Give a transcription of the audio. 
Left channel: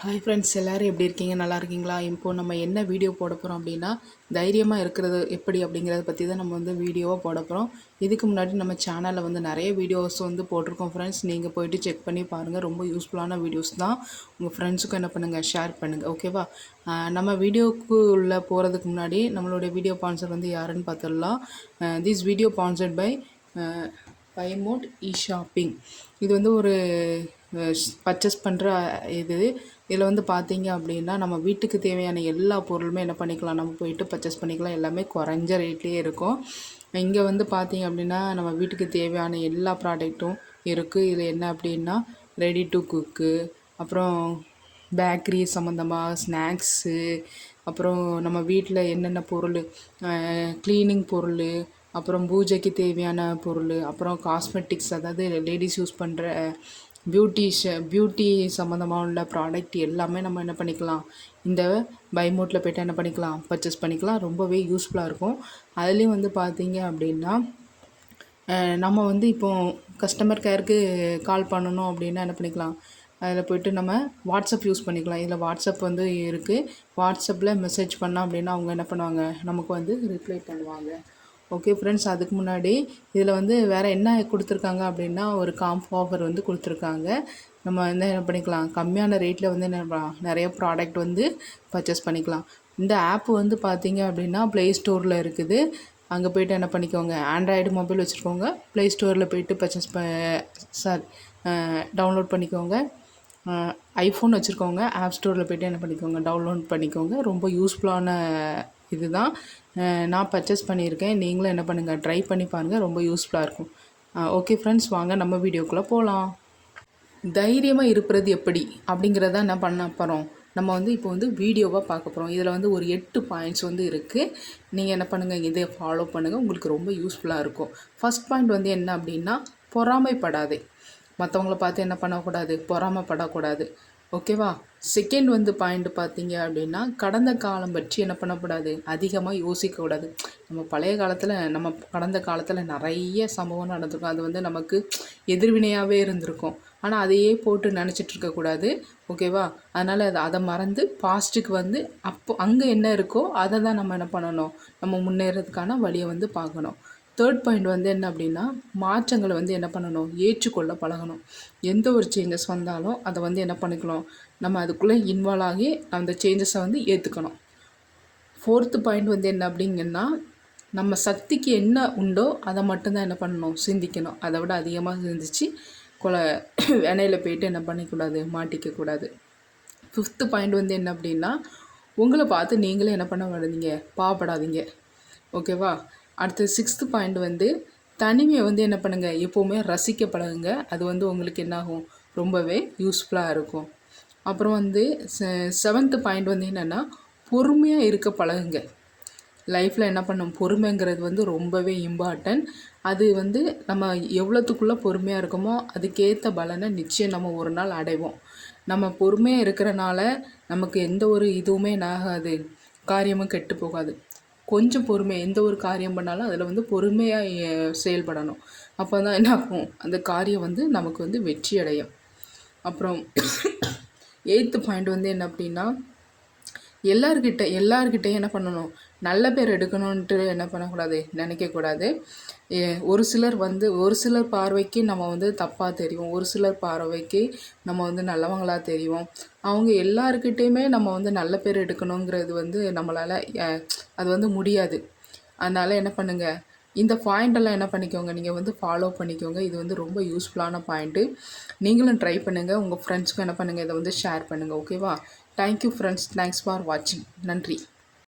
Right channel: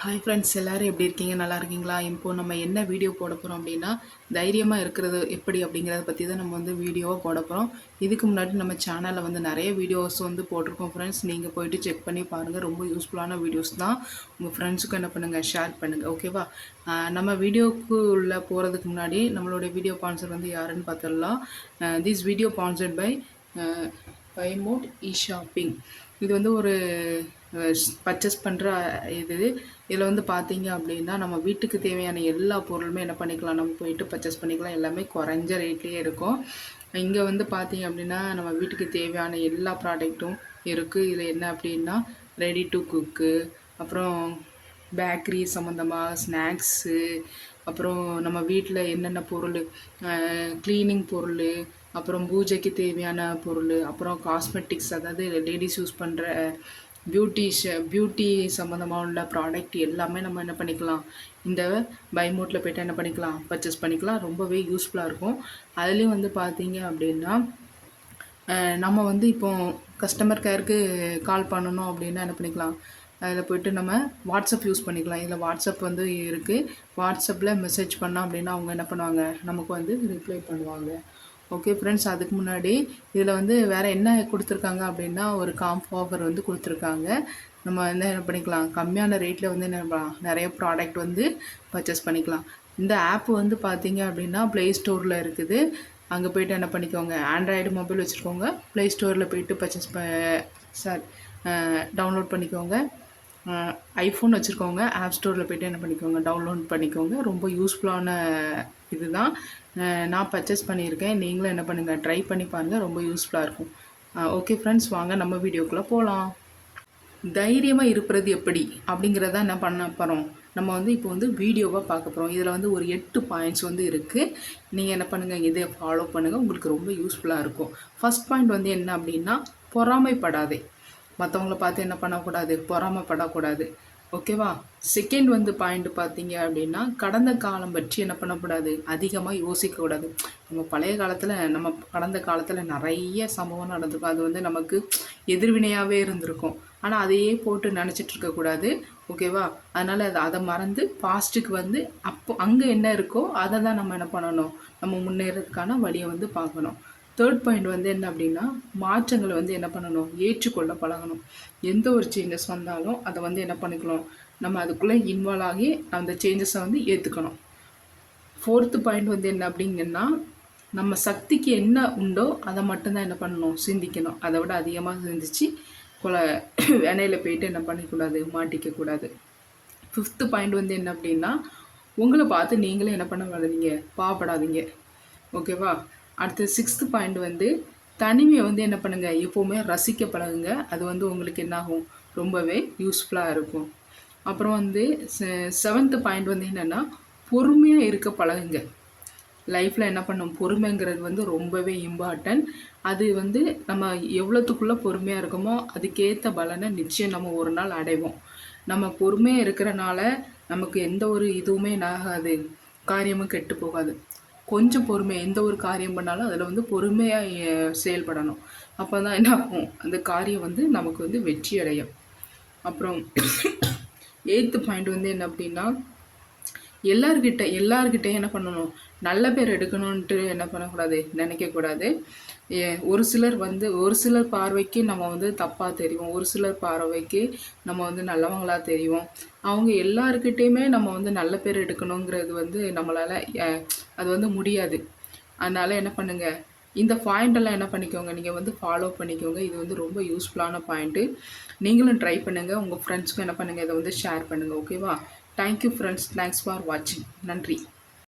Hi friends எல்லோரும் எப்படி இருக்கீங்க? நல்லா இருக்கீங்களா? இப்போது நம்ம என்ன வீடியோ போட போகிறோம் அப்படின்னா தைரியமாக இருக்கிறது எப்படி அப்படிங்கிறத பற்றி தான் நம்ம வந்து வீடியோவாக போட போகிறோம் இதுக்கு முன்னாடி நம்ம சேனலில் வந்து நிறைய வீடியோஸ் வந்து போட்டிருக்கோம் ஃப்ரெண்ட்ஸ் நீங்கள் போயிட்டு செக் பண்ணி பாருங்கள் ரொம்ப யூஸ்ஃபுல்லான வீடியோஸ் தான். உங்கள் ஃப்ரெண்ட்ஸுக்கும் என்ன பண்ணுங்கள் ஷேர் பண்ணுங்கள் ஓகேவா நம்ம வீடியோக்கு உள்ளே போகிறதுக்கு முன்னாடி நம்மளுடைய வீடியோ பான்சர் வந்து யாருன்னு பார்த்துடலாம். திஸ் வீடியோ பான்சர்ட் பை பைமோட் இ ஷாப்பிங் இது வந்து ஒரு பர்ச்சேஸ் பண்ணுற இது. இதில் வந்து பார்த்தீங்க அப்படின்னா நம்ம வீட்டுக்கு தேவையான எல்லா பொருளுமே என்ன பண்ணிக்கலாம்? நம்ம போயிட்டு பர்ச்சேஸ் பண்ணிக்கலாம். எல்லாமே குறைஞ்ச ரேட்லேயே இருக்கும். இங்கே வந்து பார்த்தீங்க அப்படின்னா நம்ம வீட்டுக்கு தேவையான எல்லா ப்ராடக்ட்டும் இருக்குது இதில் என்ன அப்படின்னா ரெடி டு குக்கு அப்புறம் பேக்கரி சம்மந்தமாக ஸ்நாக்ஸு அப்புறம் நம்ம வீட்டில் என்னென்ன பொருள் க்ளீனிங் பொருள் அப்புறம் பூஜைக்கு தேவையான பொருள் அப்புறம் காஸ்மெட்டிக்ஸ் அதாவது லேடிஸ் யூஸ் பண்ணுற பியூட்டிஷ பியூட்டி சம்மந்தமாக உள்ள ப்ராடக்ட் எல்லாமே நம்ம என்ன பண்ணிக்கலாம் இந்த பைமோட்டில் போய்ட்டு என்ன பண்ணிக்கலாம் பர்ச்சேஸ் பண்ணிக்கலாம். ரொம்பவே யூஸ்ஃபுல்லாக இருக்கும். அதுலேயும் வந்து பார்த்தீங்க அப்படின்னா நம்ம வந்து இப்போ கஸ்டமர் கேருக்கு கால் பண்ணணும் அப்படின்னா என்ன பண்ணிக்கலாம் அதில் போய்ட்டு நம்ம வாட்ஸ்அப் யூஸ் பண்ணிக்கலாம். இதில் வாட்ஸ்அப் வந்து இருக்குது வாட்ஸ்அப்பில் மெசேஜ் பண்ணோம் அப்படின்னா அவங்க என்ன பண்ணுவாங்க நமக்கு வந்து ரிப்ளை பண்ணுவாங்க. ஓகே ஃப்ரெண்ட்ஸ் அதுக்கு முன்னாடி இதில் வந்து வேறு என்ன கொடுத்துருக்காங்க அப்படின்னா ஒரு காம்ப் ஆஃபர் வந்து கொடுத்துருக்காங்க. நம்ம வந்து என்ன பண்ணிக்கலாம் கம்மியான ரேட்டில் வந்து என்ன நிறைய ப்ராடக்ட் வந்து பர்ச்சேஸ் பண்ணிக்கலாம். இந்த ஆப் வந்து பார்த்தீங்க அப்படின்னா ப்ளே ஸ்டோரில் இருக்குது. அங்கே போய்ட்டு என்ன பண்ணிக்கோங்க ஆண்ட்ராய்டு மொபைல் வச்சுருக்கோங்க. ப்ளே ஸ்டோரில் போய்ட்டு பர்ச்சேஸ் ப சார் டவுன்லோட் பண்ணிக்கோங்க. ஐஃபோன் வச்சுருக்கோங்க. ஆப் ஸ்டோரில் போய்ட்டு என்ன பண்ணிக்கோங்க டவுன்லோட் பண்ணிக்கோங்க. ரொம்ப யூஸ்ஃபுல்லான இதுதான். நான் பர்ச்சேஸ் பண்ணியிருக்கேன். நீங்களும் என்ன பண்ணுங்கள் ட்ரை பண்ணி பாருங்கள் ரொம்ப யூஸ்ஃபுல்லாக இருக்கும். ஓகே ஃப்ரெண்ட்ஸ் வாங்க நம்ம வீடியோக்குள்ளே போகலாம் தைரியமாக இருப்பது எப்படி? அப்படிங்கிறத என்ன பண்ண போகிறோம் நம்ம வந்து இப்போ வந்து வீடியோவாக பார்க்க போகிறோம் இதில் வந்து ஒரு எட்டு பாயிண்ட்ஸ் வந்து இருக்குது நீங்கள் என்ன பண்ணுங்கள் இதை ஃபாலோ பண்ணுங்கள் உங்களுக்கு ரொம்ப யூஸ்ஃபுல்லாக இருக்கும். ஃபஸ்ட் பாயிண்ட் வந்து என்ன அப்படின்னா பொறாமைப்படாதே. மற்றவங்கள பார்த்து என்ன பண்ணக்கூடாது? பொறாமைப்படக்கூடாது. ஓகேவா? செகண்ட் வந்து பாயிண்ட் பார்த்தீங்க அப்படின்னா கடந்த காலம் பற்றி என்ன பண்ணக்கூடாது? அதிகமாக யோசிக்கக்கூடாது நம்ம பழைய காலத்தில் நம்ம கடந்த காலத்தில் நிறைய சம்பவம் நடந்திருக்கும். அது வந்து நமக்கு எதிர்வினையாகவே இருந்திருக்கும். ஆனால் அதையே போட்டு நினச்சிட்டு இருக்கக்கூடாது ஓகேவா? அதனால் அதை அதை மறந்து பாஸ்ட்டுக்கு வந்து அப்போ அங்கே என்ன இருக்கோ அதை தான் நம்ம என்ன பண்ணணும்? நம்ம முன்னேறதுக்கான வழியை வந்து பார்க்கணும். தேர்ட் பாயிண்ட் வந்து என்ன அப்படின்னா மாற்றங்களை வந்து என்ன பண்ணணும்? ஏற்றுக்கொள்ள பழகணும். எந்த ஒரு சேஞ்சஸ் வந்தாலும் அதை வந்து என்ன பண்ணிக்கணும்? நம்ம அதுக்குள்ளே இன்வால்வ் ஆகி அந்த சேஞ்சஸை வந்து ஏற்றுக்கணும் ஃபோர்த்து பாயிண்ட் வந்து என்ன அப்படிங்கன்னா நம்ம சக்திக்கு என்ன உண்டோ அதை மட்டும்தான் என்ன பண்ணணும்? சிந்திக்கணும். அதை விட அதிகமாக சிந்திச்சு கொலை வினையில் போயிட்டு என்ன பண்ணிக்கூடாது? மாட்டிக்கக்கூடாது. ஃபிஃப்த்து பாயிண்ட் வந்து என்ன அப்படின்னா உங்களை பார்த்து நீங்களே என்ன பண்ண மாட்டீங்க பாவப்படாதீங்க. ஓகேவா அடுத்து சிக்ஸ்த்து பாயிண்ட் வந்து தனிமையை வந்து என்ன பண்ணுங்கள் எப்போவுமே ரசிக்க பழகுங்க அது வந்து உங்களுக்கு என்னாகும்? ரொம்பவே யூஸ்ஃபுல்லாக இருக்கும். அப்புறம் வந்து செவன்த்து பாயிண்ட் வந்து என்னென்னா பொறுமையாக இருக்க பழகுங்க. லைஃப்பில் என்ன பண்ணும்? பொறுமைங்கிறது வந்து ரொம்பவே இம்பார்ட்டன்ட் அது வந்து நம்ம எவ்வளோத்துக்குள்ளே பொறுமையாக இருக்கோமோ அதுக்கேற்ற பலனை நிச்சயம் நம்ம ஒரு நாள் அடைவோம். நம்ம பொறுமையாக இருக்கிறனால நமக்கு எந்த ஒரு இதுவுமே ஆகாது காரியமும் கெட்டு போகாது. கொஞ்சம் பொறுமை எந்த ஒரு காரியம் பண்ணாலும் அதில் வந்து பொறுமையாக செயல்படணும். அப்போ தான் என்ன ஆகும்? அந்த காரியம் வந்து நமக்கு வந்து வெற்றி அடையும். அப்புறம் எயித்து பாயிண்ட் வந்து என்ன அப்படின்னா எல்லார்கிட்ட எல்லார்கிட்டையும் என்ன பண்ணணும்? நல்ல பேர் எடுக்கணுன்ட்டு என்ன பண்ணக்கூடாது? நினைக்கக்கூடாது ஒரு சிலர் வந்து ஒரு சிலர் பார்வைக்கு நம்ம வந்து தப்பாக தெரியும் ஒரு சிலர் பார்வைக்கு நம்ம வந்து நல்லவங்களாக தெரியும் அவங்க எல்லாருக்கிட்டேயுமே நம்ம வந்து நல்ல பேர் எடுக்கணுங்கிறது வந்து நம்மளால் அது வந்து முடியாது. அதனால் என்ன பண்ணுங்கள் இந்த பாயிண்டெல்லாம் என்ன பண்ணிக்கோங்க நீங்கள் வந்து ஃபாலோ பண்ணிக்கோங்க. இது வந்து ரொம்ப யூஸ்ஃபுல்லான பாயிண்ட்டு நீங்களும் ட்ரை பண்ணுங்கள் உங்கள் ஃப்ரெண்ட்ஸ்க்கும் என்ன பண்ணுங்கள் இதை வந்து ஷேர் பண்ணுங்கள் ஓகேவா தேங்க்யூ ஃப்ரெண்ட்ஸ் தேங்க்ஸ் ஃபார் வாட்சிங் நன்றி.